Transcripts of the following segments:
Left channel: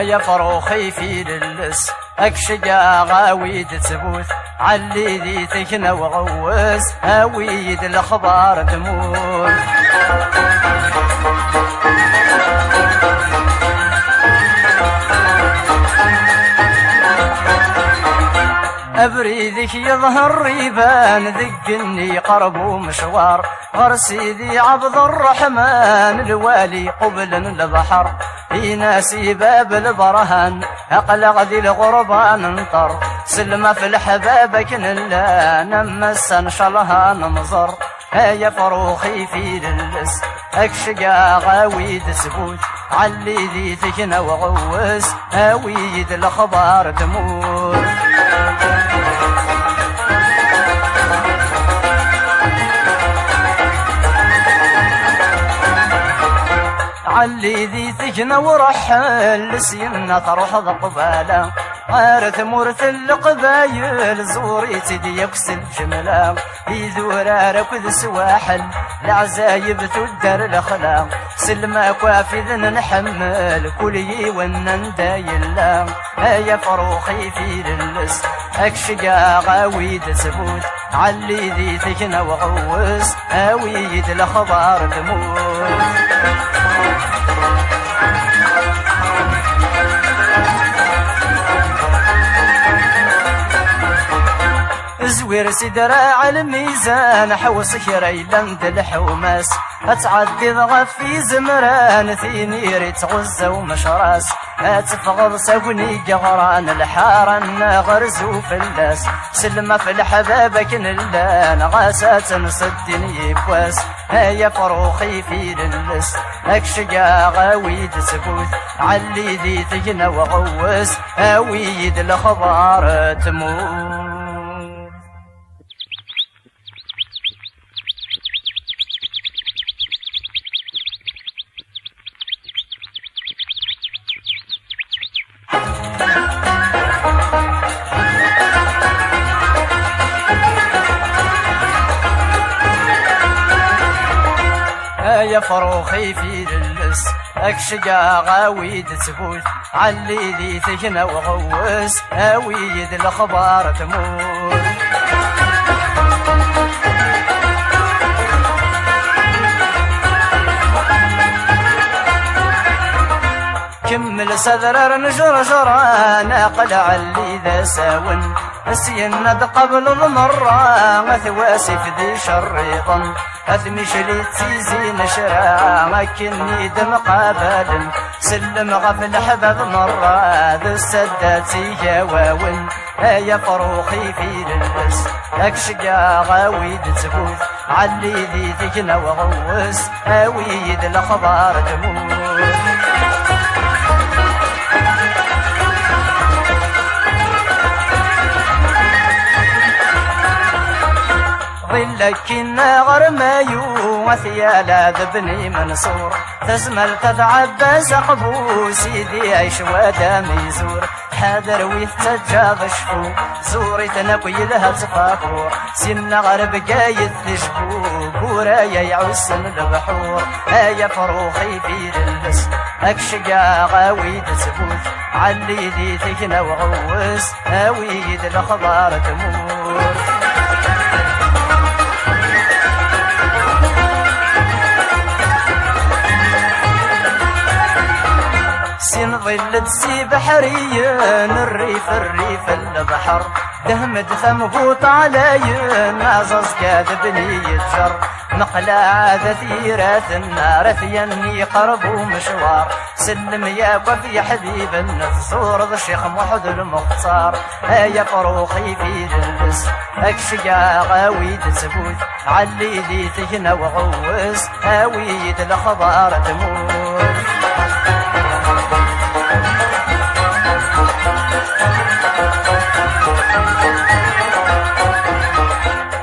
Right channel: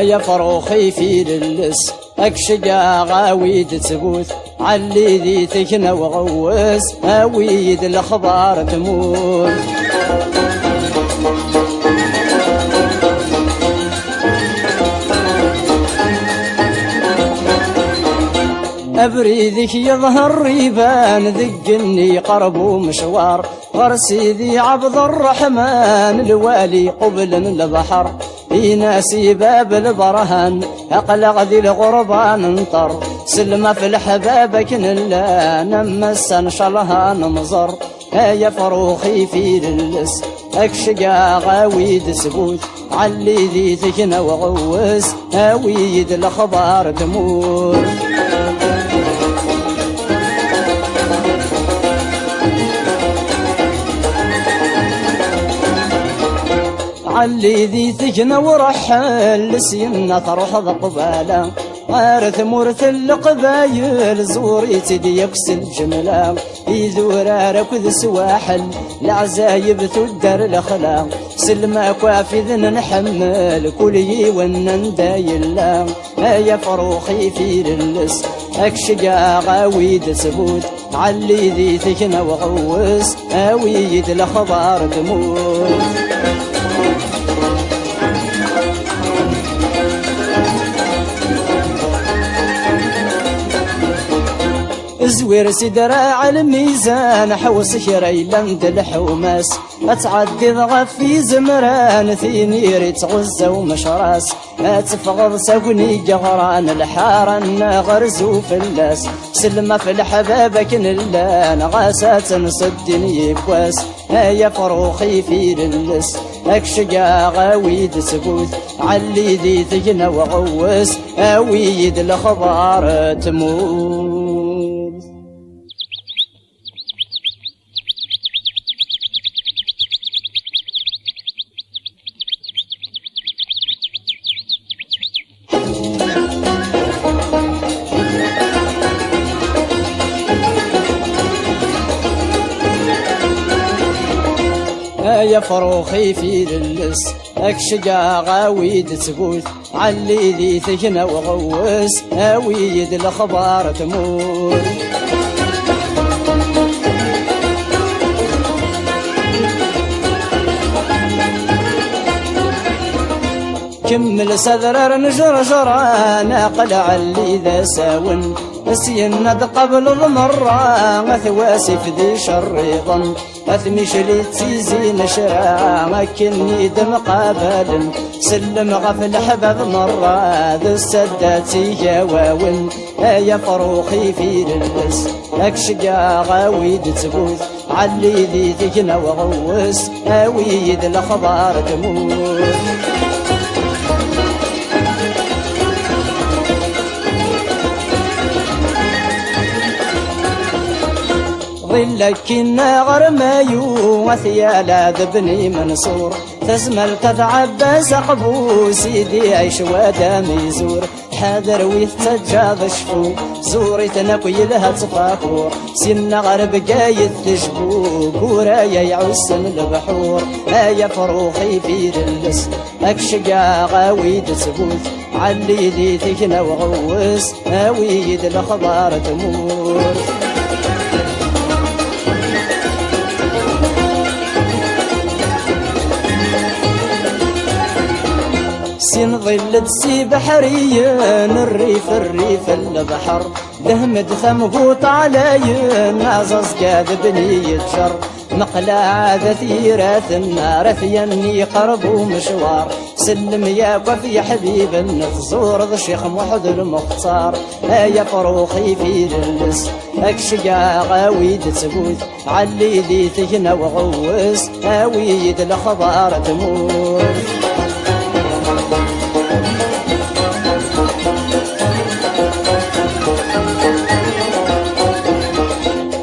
يا فروخي في للس اكشقا غاويد تبوث علي ذي تكنا وغوز هاويد الاخبار تموت. أبريدك يظهر ريبان ذقني قرب ومشوار غر سيدي عبد الرحمن الوالي قبل البحر في ناسي باب البرهان أقلق ذي الغربان انطر سلمة في الحبابك نلا نمس انشلها نمزر يا فروخي في للس اكشقا غاويد سبوت علي ذي تكنا وغوز هاويد الاخبار تموت. علي ذي تكنا ورحل لسينا تروح ضقبالا غارث مورث القبايل زوري تدي يكس الجملة يذورا ركض سواحل العزايب تدر الاخلاق سلما كوافذ نحمل كلي ونندايلا يا فروخي في للس اكشقا غاويد سبوت علي ذي تكنا وغوز هاويد الاخبار تموت. زوير سدراع الميزان حوص كريلند الحوماس اتعدي ضغف في زمران ثيني ريت غزة ومشراس اتفغض ساقني جغران الحارن غرزو فلاس سلمة في الحبابك نلان غاسات نصدني بواس يا فروخي في للس اكشقا غاويد سبوت علي ذي تجنا وغوس هاويد الاخبار تموت. يا فروخي في للس اكشقا غاويد تبوت علي ذي تكنا وغوس هاويد الاخبار تموت. كمل سذرر نجر جرانا قلع اللي ذا ساون السيند قبل المرة مثواسف ذي شريضا أثمش لي تيزي نشرا مكني دم قابل سلم غفل حباب مرة ذو السداتي جواون يا فروخي في للس اكشقا غاويد تبوث علي ذي تكنا وغوس هاويد الاخبار تموت. ظلك النغر مايو وثيالا ذبني منصور تزمل تتعبى سقبو سيدي عيش ودامي زور حاذر ويتجاض شفو زوري تنقي لها تفاكور سن غرب قايد تشبو قورايا يعسن البحور يا فروخي في للس اكشقا غاويد تبوث علي ذي تكنا وغوس هاويد الاخبار تموت. سين ظل تسي بحريين الريف البحر دهمد ثمقوط عليين نازز كاذبني يتجر مقلع ثيرات النار ثيني قرب ومشوار سلم يا وفي يا حبيب النفزور ذا الشيخ محد المختار يا فروخي في للس اكشقا غاويد تبوث علي ذي تكنا وغوس هاويد الاخبار تموت.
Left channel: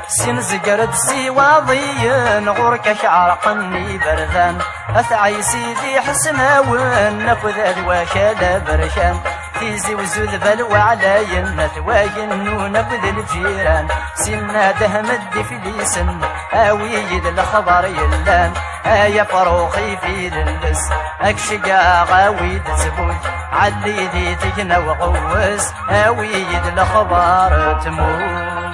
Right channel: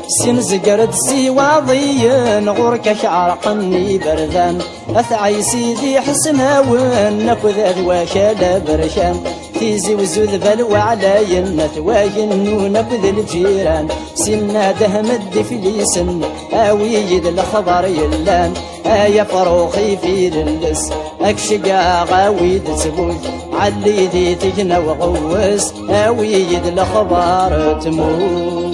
سين زقرد سي واضيين غورك شعرقني بردان اثعي سيدي حسناون نكذ اذواك برشان تيزي وزوذ بلوى علينا ثواين ونبذ الجيران سنا دهم الدفليسن اويد الخبر يلان يا فروخي في للس اكشقا غاويد تبوث علي ذي تجنى وغوس اويد الاخبار تموت.